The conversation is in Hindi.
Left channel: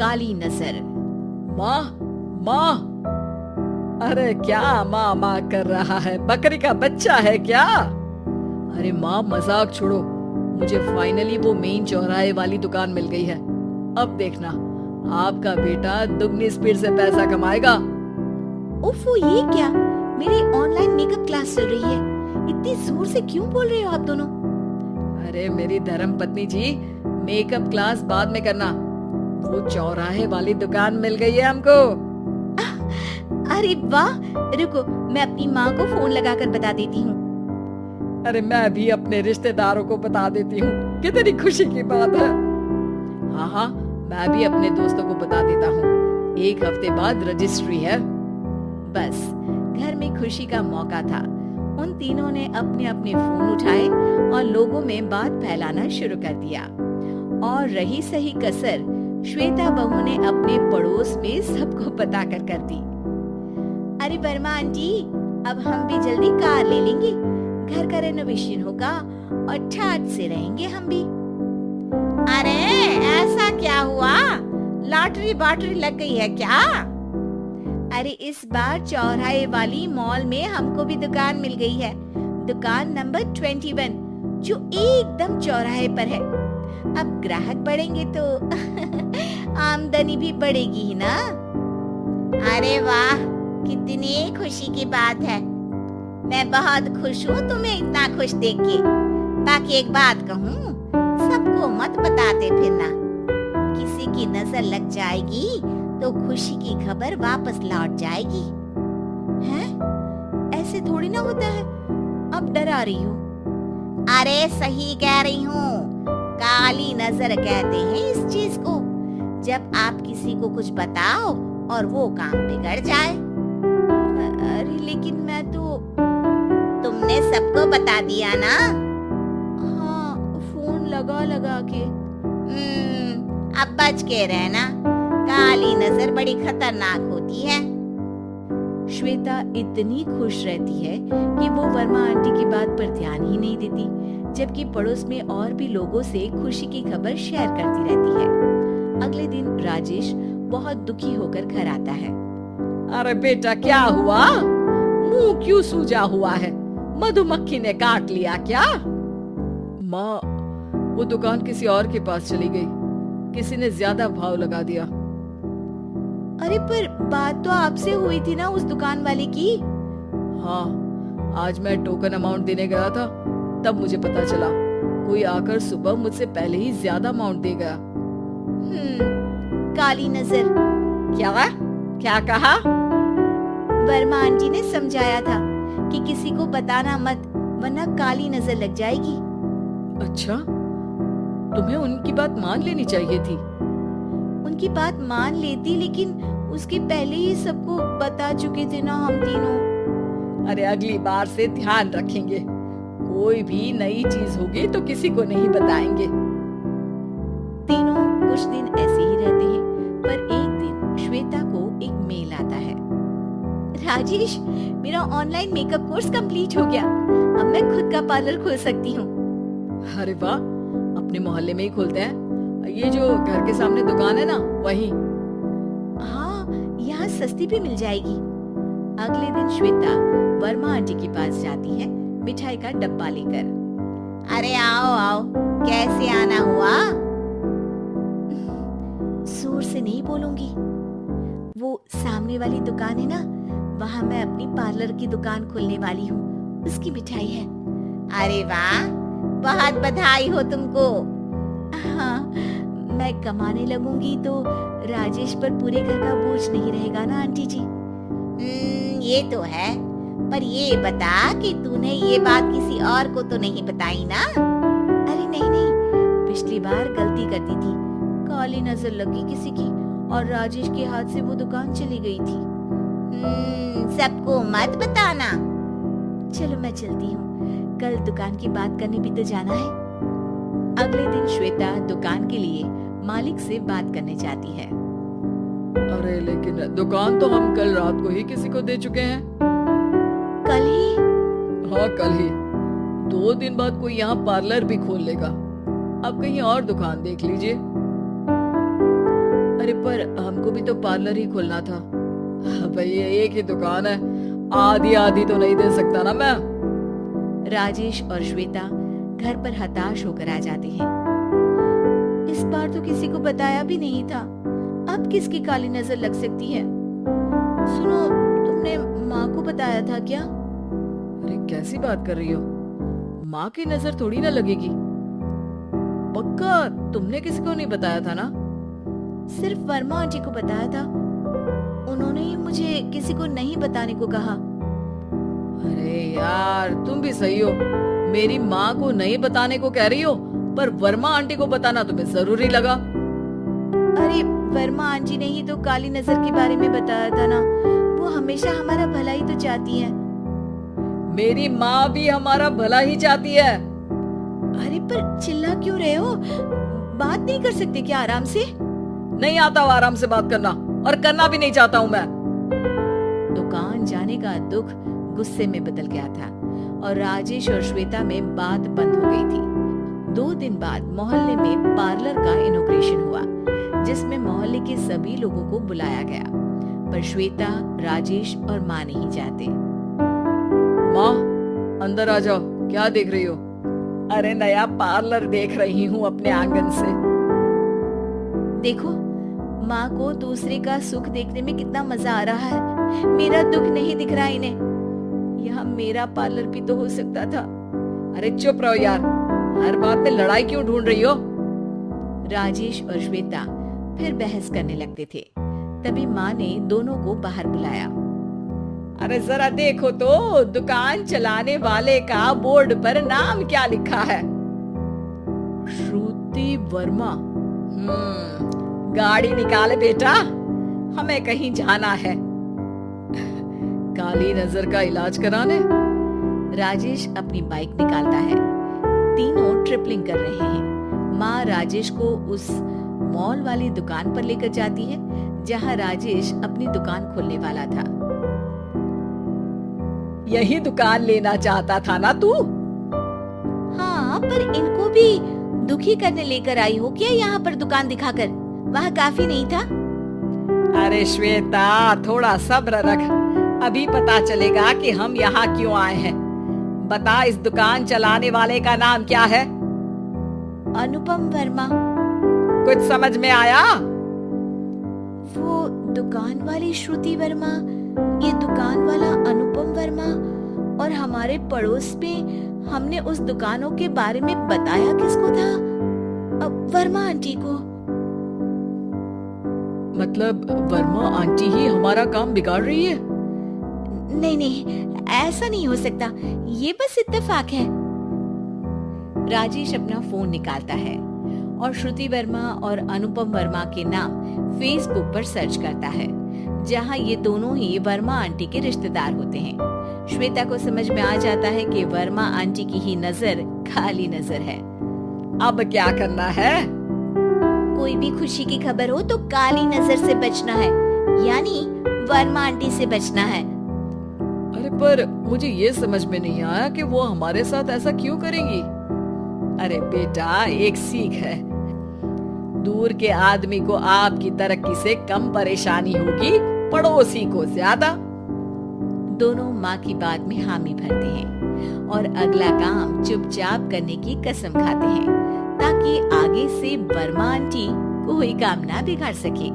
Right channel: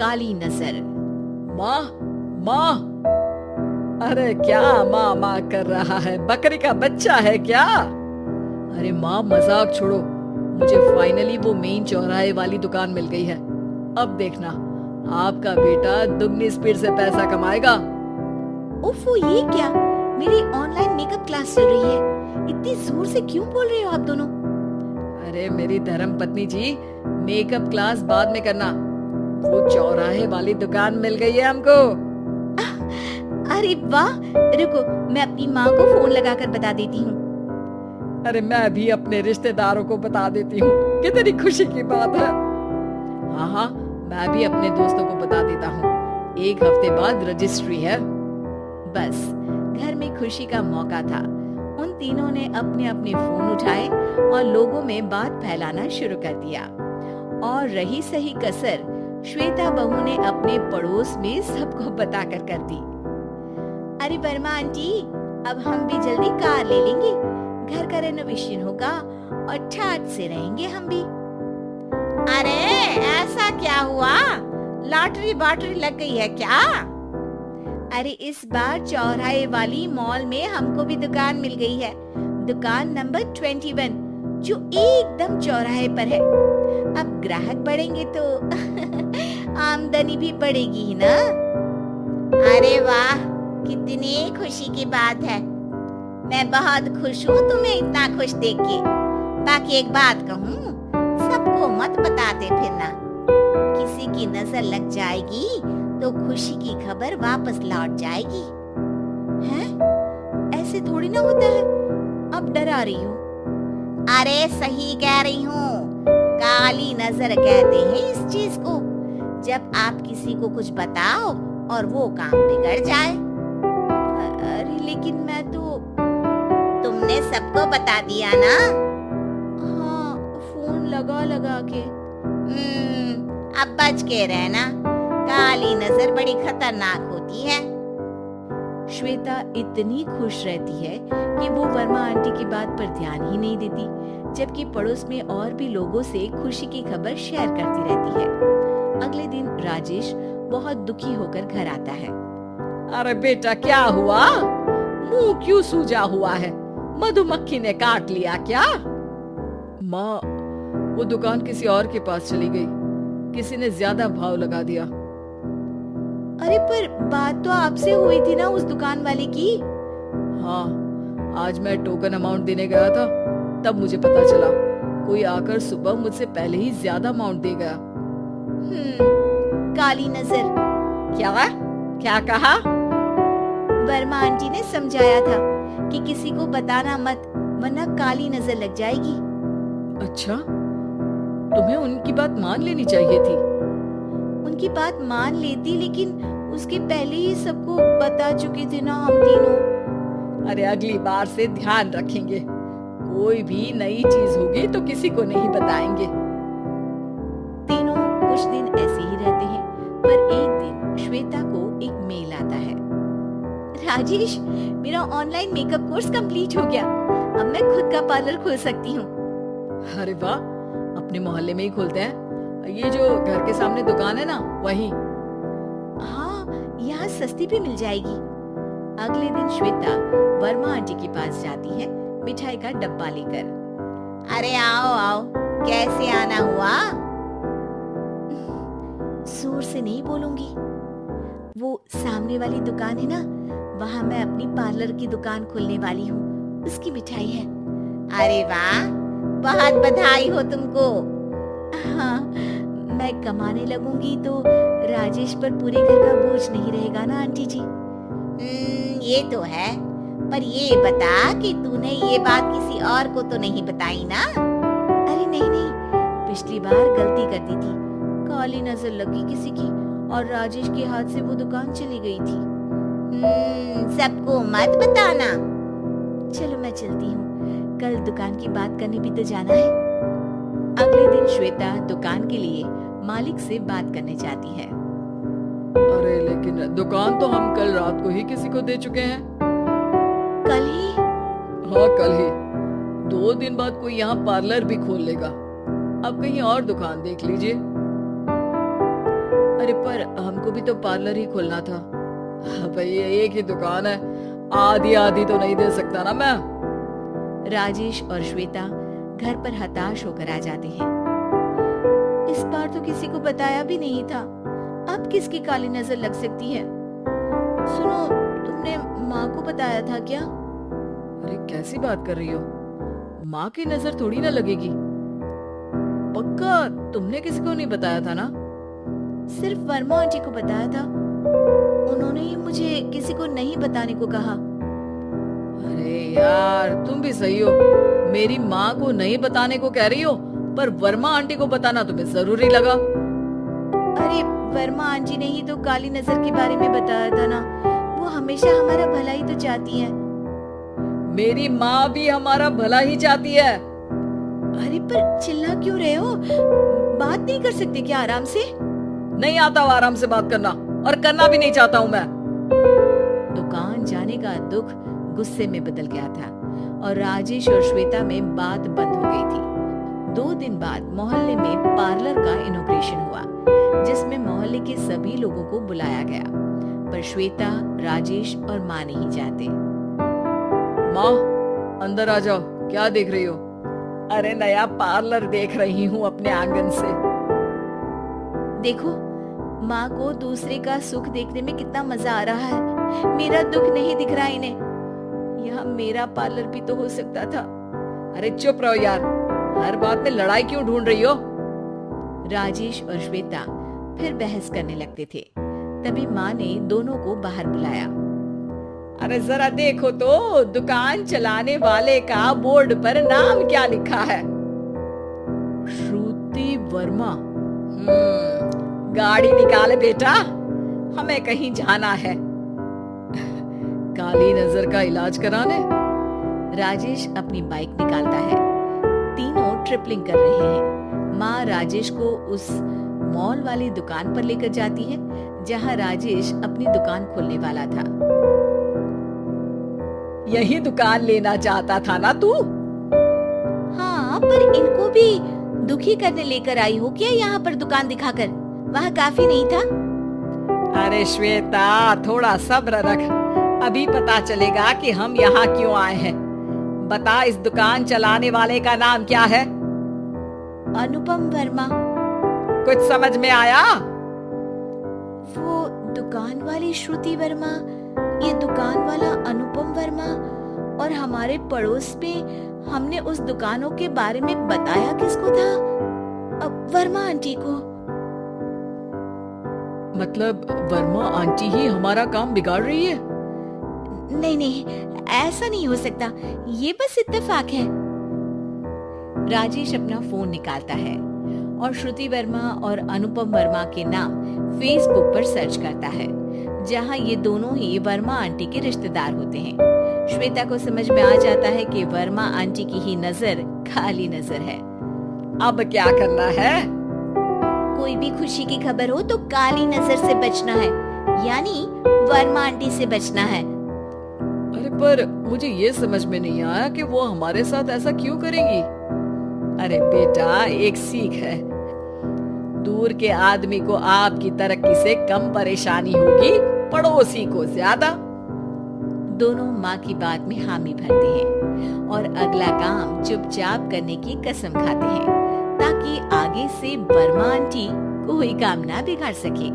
काली नजर। माँ, माँ, अरे क्या माँ माँ कर रहा है? बकरी का बच्चा है क्या? अरे माँ, मजाक छोड़ो, मुझे फाइनली वो मेन चौराहे वाली दुकान मिल गई है। अब देखना, आपका बेटा दुगनी स्पीड से पैसा कमाएगा। उफ़ो, ये क्या? मेरी ऑनलाइन मेकअप क्लास चल रही है, इतनी जोर से क्यों बोल रहे हो आप दोनों? अरे मेरी धर्म पत्नी जी, मेकअप क्लास बाद में करना, वो चौराहे वाली दुकान मिल गई है हमको। अरे वाह, रुको मैं अपनी माँ को फोन लगाकर बता देती हूँ। अरे मैं भी अपने रिश्तेदारों को बता देती हूँ, कितनी खुशी की बात है। हाँ हाँ, मैं भी अपने दोस्तों को बता देता हूँ, 1 हफ्ते बाद रजिस्ट्री है। बस घर में खुशी का मौका था। उन तीनों ने अपने अपने फोन उठाए और लोगों में बात फैलाना शुरू कर दिया। और रही सही कसर श्वेता बहू ने अपने पड़ोस में सबको पता कर दी। अरे वर्मा आंटी, अब हम भी जल्दी कार ले लेंगे, घर का रेनोवेशन होगा और ठाट से रहेंगे हम भी। अरे ऐसा क्या हुआ? लॉटरी बाटरी लग गई है क्या? अरे इस बार चौराहे वाली मॉल में हमको भी दुकान मिल गई है, दुकान नंबर 21, जो एकदम चौराहे पर है। अब ग्राहक बढ़ेंगे तो आमदनी भी बढ़ेगी ही ना। अरे वाह, कितनी खुशी की बात है। मैं बहुत खुश हूँ तुम्हें इतना खुश देख के। बाकी एक बात कहूँ, सबको मत बताते फिरना, किसी की नजर लग जाएगी तो खुशी की खबर वापस लौट जाएगी। हैं? ऐसे थोड़ी ना होता है, अब डरा रही हो। अरे सही कह रही हूँ, काली नजर कहते हैं इस चीज को, जब आप किसी को कुछ बताओ और वो काम बिगड़ जाए। अरे लेकिन मैं तो... तुमने सबको बता दिया ना? हाँ, फोन लगा के। अब बच के रहना, काली नजर बड़ी खतरनाक होती है। श्वेता इतनी खुश रहती है कि वो वर्मा आंटी की बात पर ध्यान ही नहीं देती, जबकि पड़ोस में और भी लोगों से खुशी की खबर शेयर करती रहती है। अगले दिन राजेश बहुत दुखी होकर घर आता है। अरे बेटा, क्या हुआ? मुंह क्यों सूजा हुआ है? मधुमक्खी ने काट लिया क्या? माँ, वो दुकान किसी और के पास चली गई, किसी ने ज्यादा भाव लगा दिया। अरे पर बात तो आपसे हुई थी ना उस दुकान वाले की? हाँ, आज मैं टोकन अमाउंट देने गया था, तब मुझे पता चला। कोई आकर सुबह मुझसे पहले ही ज्यादा अमाउंट दे गया। काली नजर। क्या कहा? वर्मा आंटी ने समझाया था कि किसी को बताना मत, वरना काली नजर लग जाएगी। अच्छा, तुम्हें उनकी बात मान लेनी चाहिए थी। उनकी बात मान लेती, लेकिन उसके पहले ही सबको बता चुके थे ना हम तीनों। अरे अगली बार से ध्यान रखेंगे, कोई भी नई चीज होगी तो किसी को नहीं बताएंगे। तीनों कुछ दिन ऐसे ही रहते हैं, पर एक दिन श्वेता को एक मेल आता है। राजेश, मेरा ऑनलाइन मेकअप कोर्स कंप्लीट हो गया, अब मैं खुद का पार्लर खोल सकती हूँ। अरे वाह, अपने मोहल्ले में ही खोलते हैं। ये जो घर के सामने दुकान है ना, वहीं। हाँ, यहाँ सस्ती भी मिल जाएगी। अगले दिन श्वेता वर्मा आंटी के पास जाती है मिठाई का डब्बा लेकर। अरे आओ आओ, कैसे आना हुआ? जोर से नहीं बोलूंगी, वो सामने वाली दुकान है ना, वहाँ मैं अपनी पार्लर की दुकान खोलने वाली हूँ, उसकी मिठाई है। अरे वाह, बहुत बधाई हो तुमको। हाँ, मैं कमाने लगूंगी तो राजेश पर पूरे घर का बोझ नहीं रहेगा ना आंटी जी। ये तो है, पर ये बता कि तूने ये बात किसी और को तो नहीं बताई ना? अरे नहीं नहीं, पिछली बार गलती कर दी थी, काली नजर लगी किसी की और राजेश के हाथ से वो दुकान चली गई थी। सबको मत बताना। चलो मैं चलती हूँ, कल दुकान की बात करने भी तो जाना है। अगले दिन श्वेता दुकान के लिए मालिक से बात करने जाती है। अरे लेकिन दुकान तो हम कल रात को ही किसी को दे चुके हैं। कल ही? हाँ, कल ही। 2 दिन बाद कोई यहाँ पार्लर भी खोल लेगा। अब कहीं और दुकान देख लीजिए। अरे पर हमको भी तो पार्लर ही खोलना था। भैया एक ही दुकान है, आधी आधी तो नहीं दे सकता ना मैं। राजेश और श्वेता घर पर हताश होकर आ जाते हैं। इस बार तो किसी को बताया भी नहीं था, अब किसकी काली नजर लग सकती है। सुनो, तुमने माँ को बताया था क्या? अरे कैसी बात कर रही हो, माँ की नजर थोड़ी ना लगेगी। पक्का तुमने किसी को नहीं बताया था ना? सिर्फ वर्मा आंटी को बताया था, उन्होंने ही मुझे किसी को नहीं बताने को कहा। अरे यार तुम भी सही हो, मेरी माँ को नहीं बताने को कह रही हो, पर वर्मा आंटी को बताना तुम्हें जरूरी लगा। अरे वर्मा आंटी ने ही तो काली नजर के बारे में बताया था ना, वो हमेशा हमारा भला ही तो चाहती है। मेरी माँ भी हमारा भला ही चाहती है। अरे पर चिल्ला क्यों रहे हो, बात नहीं कर सकते क्या आराम से? नहीं आता वो आराम से बात करना, और करना भी नहीं चाहता हूँ मैं। दुकान जाने का दुख गुस्से में बदल गया था और राजेश और श्वेता में बात बंद हो गई थी। 2 दिन बाद मोहल्ले में पार्लर का इनॉग्रेशन हुआ, जिसमें मोहल्ले के सभी लोगों को बुलाया गया, पर श्वेता, राजेश और माँ नहीं जाते। माँ अंदर आ जाओ, क्या देख रही हो? अरे नया पार्लर देख रही हूँ अपने आंगन से। देखो, माँ को दूसरे का सुख देखने में कितना मजा आ रहा है, मेरा दुख नहीं दिख रहा इन्हें। यहाँ मेरा पार्लर भी तो हो सकता था। अरे चुप रहो यार, हर बात में लड़ाई क्यों ढूंढ रही हो? राजेश और श्वेता फिर बहस करने लगते थे। तभी माँ ने दोनों को बाहर बुलाया। अरे जरा देखो तो, दुकान चलाने वाले का बोर्ड पर नाम क्या लिखा है? श्रुति वर्मा। गाड़ी निकाले बेटा, हमें कहीं जाना है। काली नजर का इलाज कराने? राजेश अपनी बाइक निकालता है। तीनों ट्रिपलिंग कर रहे हैं। माँ राजेश को उस मॉल वाली दुकान पर लेकर जाती है जहाँ राजेश अपनी दुकान खोलने वाला था। यही दुकान लेना चाहता था ना तू? हाँ, पर इनको भी दुखी करने लेकर आई हो क्या यहाँ पर दुकान दिखाकर? वहाँ काफी नहीं था? अरे श्वेता थोड़ा सब्र रख, अभी पता चलेगा कि हम यहाँ क्यों आए हैं। बता, इस दुकान चलाने वाले का नाम क्या है? अनुपम वर्मा। कुछ समझ में आया? वो दुकान वाली श्रुति वर्मा, ये दुकान वाला अनुपम वर्मा, और हमारे पड़ोस में हमने उस दुकानों के बारे में बताया किसको था? वर्मा आंटी को। मतलब वर्मा आंटी ही हमारा काम बिगाड़ रही है? नहीं नहीं, ऐसा नहीं हो सकता, ये बस इत्तेफाक है। राजेश अपना फोन निकालता है और श्रुति वर्मा और अनुपम वर्मा के नाम फेसबुक पर सर्च करता है, जहां ये दोनों ही वर्मा आंटी के रिश्तेदार होते हैं। श्वेता को समझ में आ जाता है कि वर्मा आंटी की ही नजर काली नजर है। अब क्या करना है? कोई भी खुशी की खबर हो तो काली नजर से बचना है, यानी वर्मा आंटी से बचना है। अरे पर मुझे ये समझ में नहीं आया कि वो हमारे साथ ऐसा क्यों करेंगी। अरे बेटा, एक सीख है, दूर के आदमी को आपकी तरक्की से कम परेशानी होगी, पड़ोसी को ज्यादा। दोनों माँ की बात में हामी भरते हैं और अगला काम चुपचाप करने की कसम खाते हैं, ताकि आगे से वर्मा आंटी कोई काम ना बिगाड़ सके।